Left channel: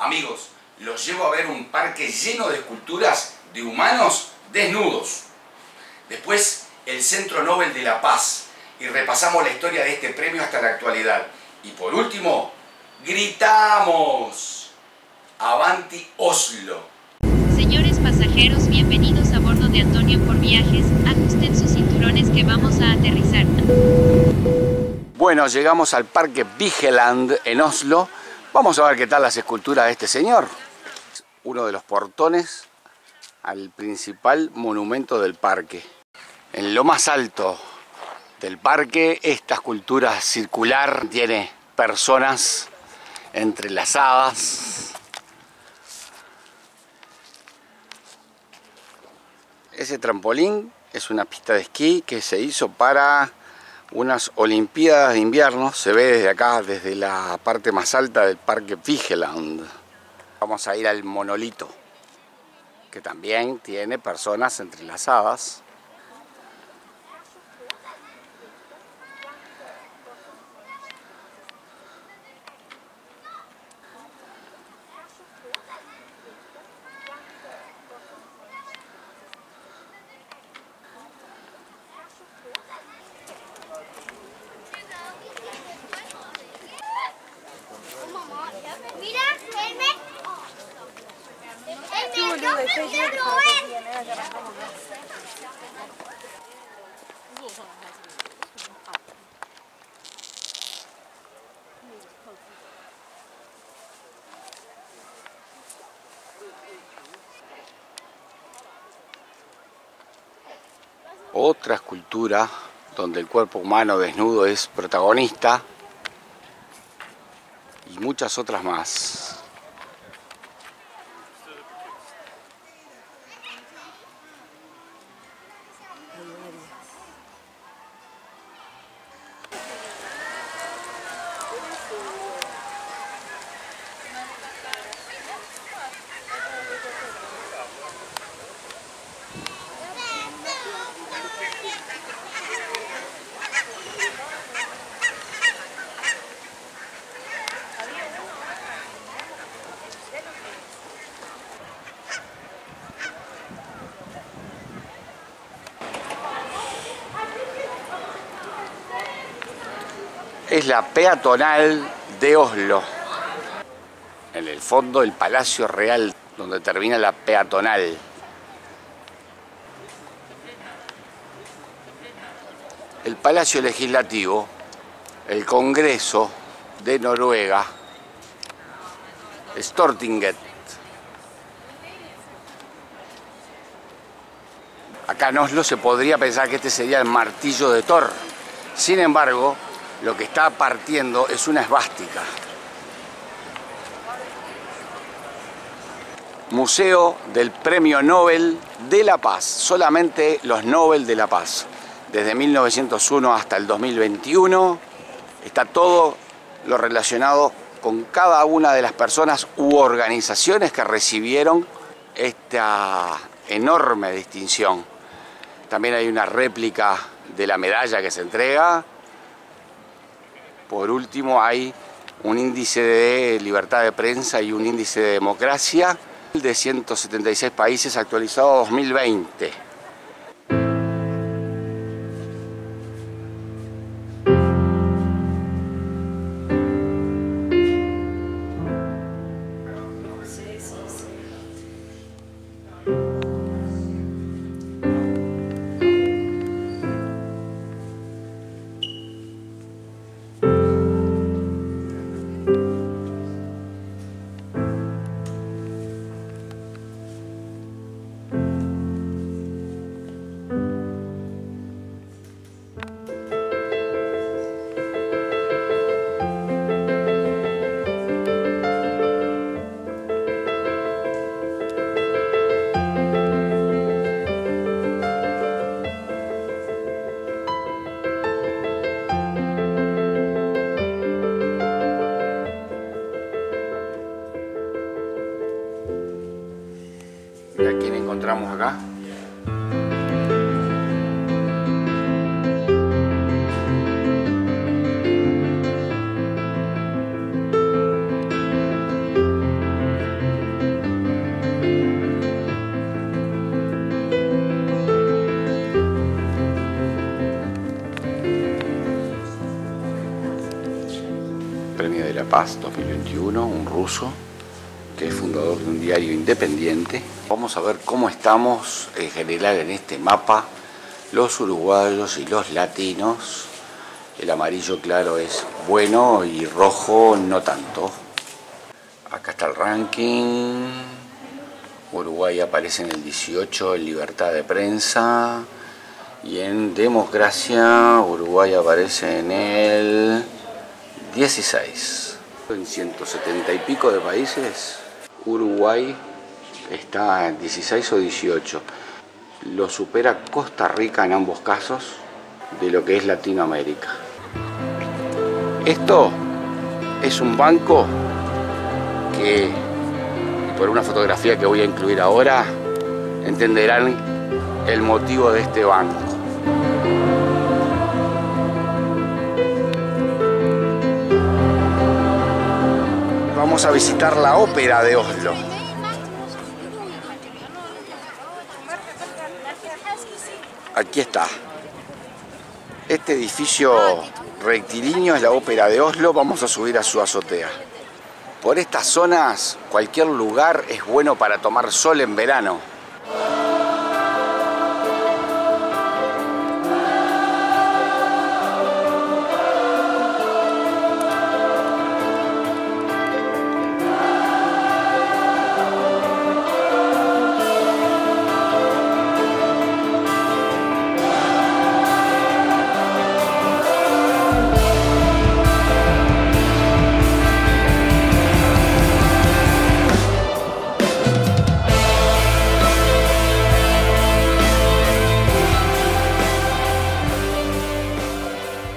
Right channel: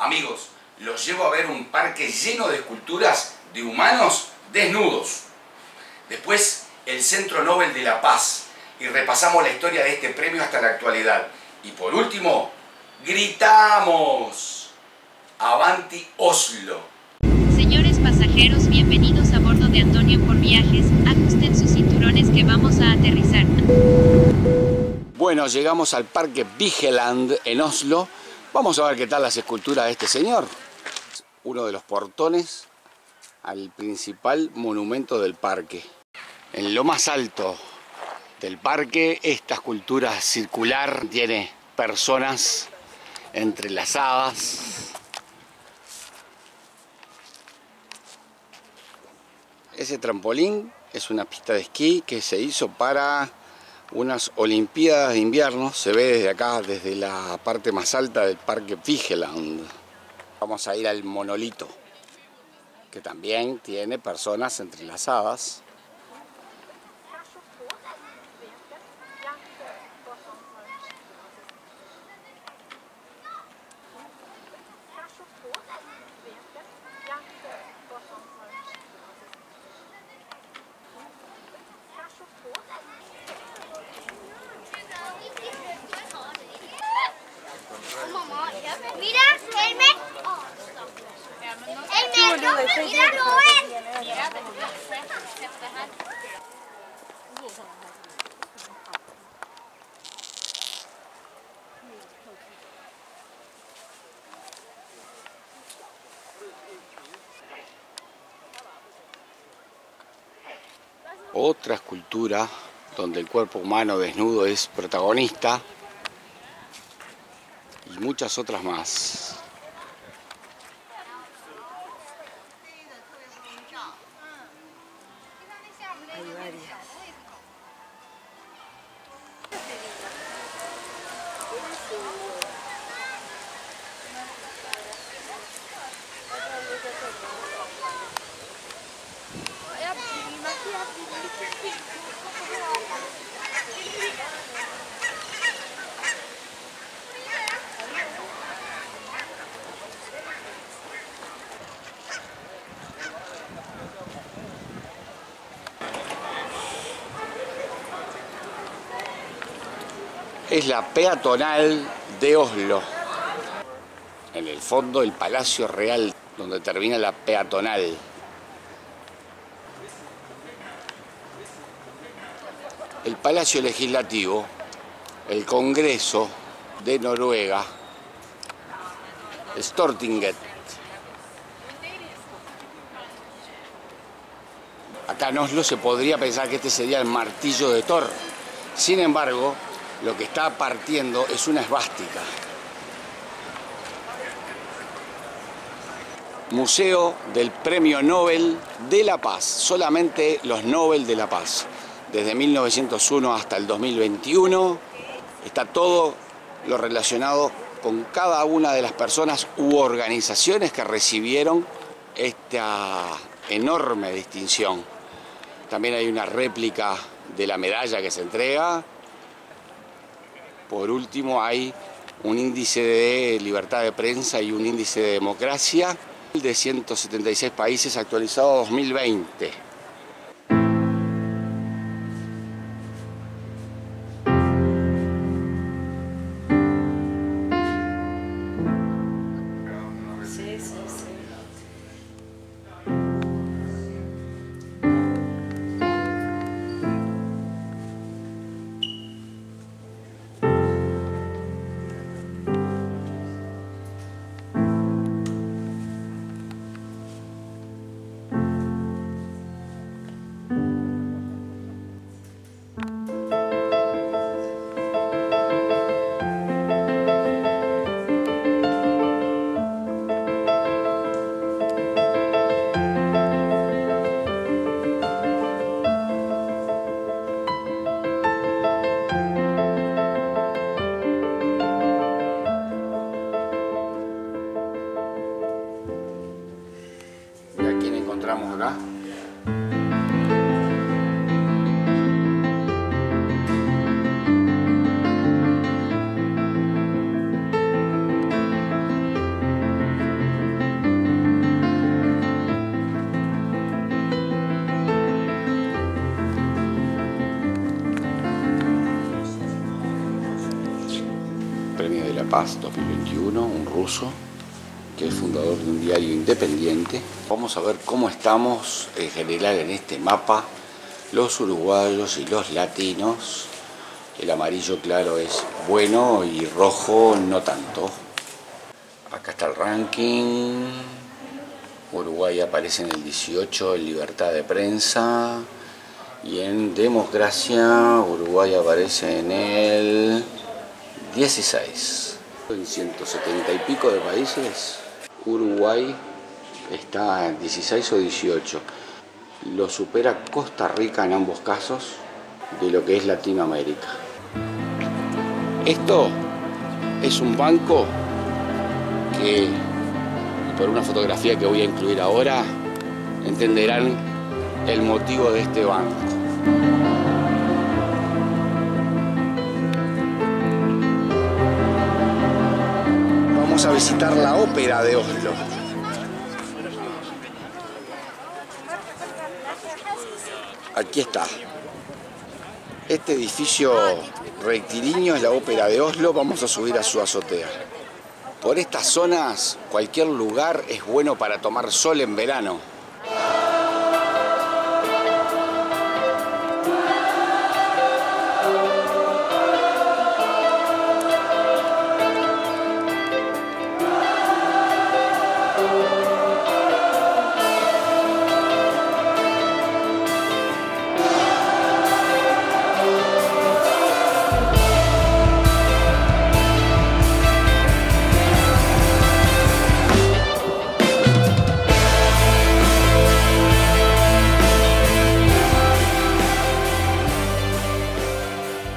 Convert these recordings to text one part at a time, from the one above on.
Amigos, los llevo a ver un parque lleno de esculturas de humanos desnudos. Después, el Centro Nobel de la Paz. Y repasamos la historia de este premio hasta la actualidad. Y por último, gritamos: ¡Avanti Oslo! Señores pasajeros, bienvenidos a bordo de Antonio por Viajes. Ajusten sus cinturones que vamos a aterrizar. Bueno, llegamos al Parque Vigeland en Oslo. Vamos a ver qué tal las esculturas de este señor. Uno de los portones al principal monumento del parque. En lo más alto del parque, esta escultura circular tiene personas entrelazadas. Ese trampolín es una pista de esquí que se hizo para unas Olimpiadas de invierno. Se ve desde acá, desde la parte más alta del Parque Vigeland. Vamos a ir al monolito, que también tiene personas entrelazadas. Mira, mira Noel. Otra escultura donde el cuerpo humano desnudo es protagonista y muchas otras más. Es la peatonal de Oslo. En el fondo, el Palacio Real, donde termina la peatonal. El Palacio Legislativo, el Congreso de Noruega, Stortinget. Acá en Oslo se podría pensar que este sería el martillo de Thor. Sin embargo, lo que está partiendo es una esvástica. Museo del Premio Nobel de la Paz. Solamente los Nobel de la Paz. Desde 1901 hasta el 2021 está todo lo relacionado con cada una de las personas u organizaciones que recibieron esta enorme distinción. También hay una réplica de la medalla que se entrega. Por último, hay un índice de libertad de prensa y un índice de democracia de 176 países actualizado 2020. ¿Y a quién encontramos acá? Premio de la Paz 2021, un ruso que es fundador de un diario independiente. Vamos a ver cómo estamos en general en este mapa, los uruguayos y los latinos. El amarillo claro es bueno y rojo no tanto. Acá está el ranking. Uruguay aparece en el 18 en libertad de prensa. Y en democracia, Uruguay aparece en el 16. En 170 y pico de países, Uruguay está en 16 o 18. Lo supera Costa Rica en ambos casos de lo que es Latinoamérica. Esto es un banco que, y por una fotografía que voy a incluir ahora, entenderán el motivo de este banco. Vamos a visitar la ópera de Oslo. Aquí está. Este edificio rectilíneo es la ópera de Oslo. Vamos a subir a su azotea. Por estas zonas, cualquier lugar es bueno para tomar sol en verano.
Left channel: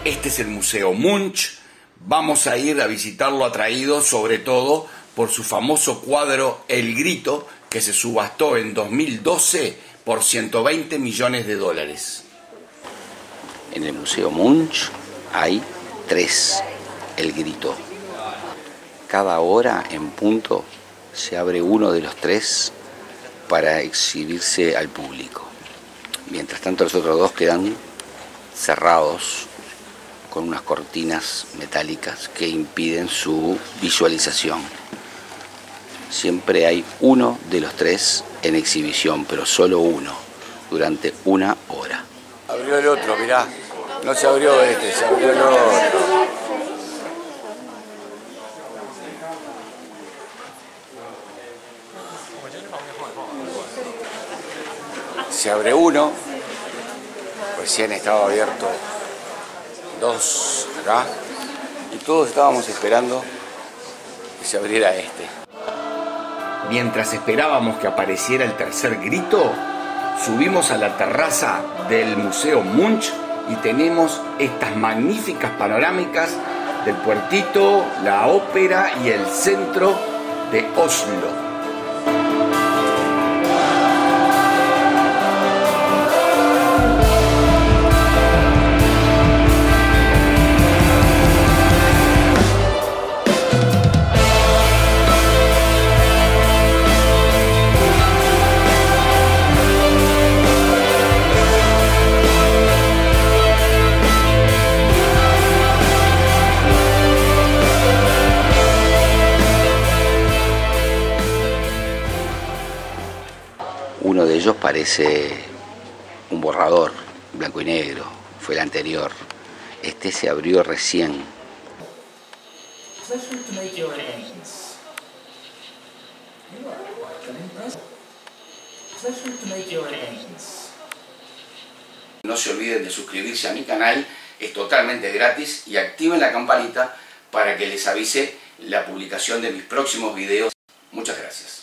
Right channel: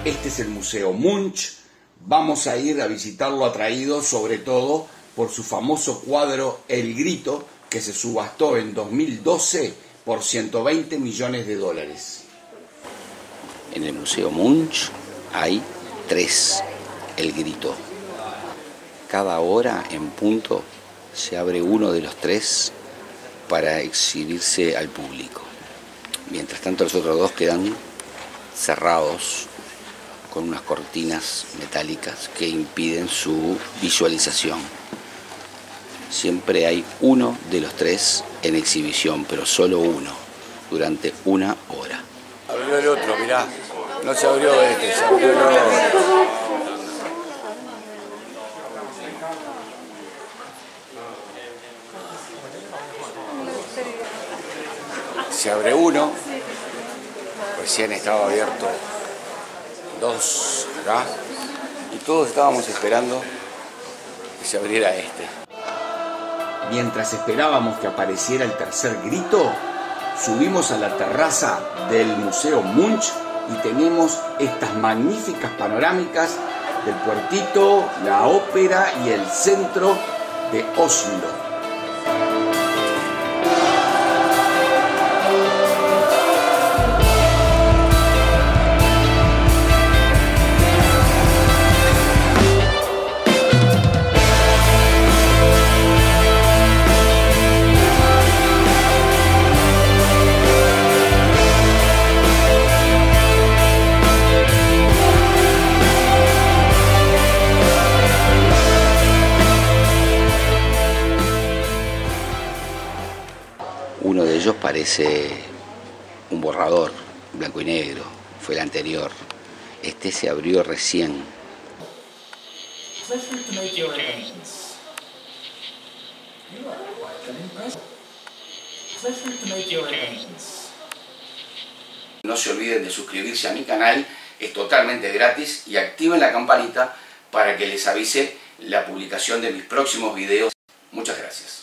Este es el Museo Munch. Vamos a ir a visitarlo atraído sobre todo por su famoso cuadro El Grito, que se subastó en 2012 por 120 millones de dólares. En el Museo Munch hay 3 El Grito. Cada hora en punto se abre uno de los 3 para exhibirse al público. Mientras tanto los otros 2 quedan cerrados con unas cortinas metálicas que impiden su visualización. Siempre hay uno de los 3 en exhibición, pero solo uno, durante 1 hora. Abrió el otro, mirá. No se abrió este, se abrió el otro. Se abre uno. Recién estaba abierto 2 acá, y todos estábamos esperando que se abriera este. Mientras esperábamos que apareciera el tercer grito, subimos a la terraza del Museo Munch y tenemos estas magníficas panorámicas del puertito, la ópera y el centro de Oslo. Uno de ellos parece un borrador, blanco y negro, fue el anterior. Este se abrió recién. No se olviden de suscribirse a mi canal, es totalmente gratis, y activen la campanita para que les avise la publicación de mis próximos videos. Muchas gracias.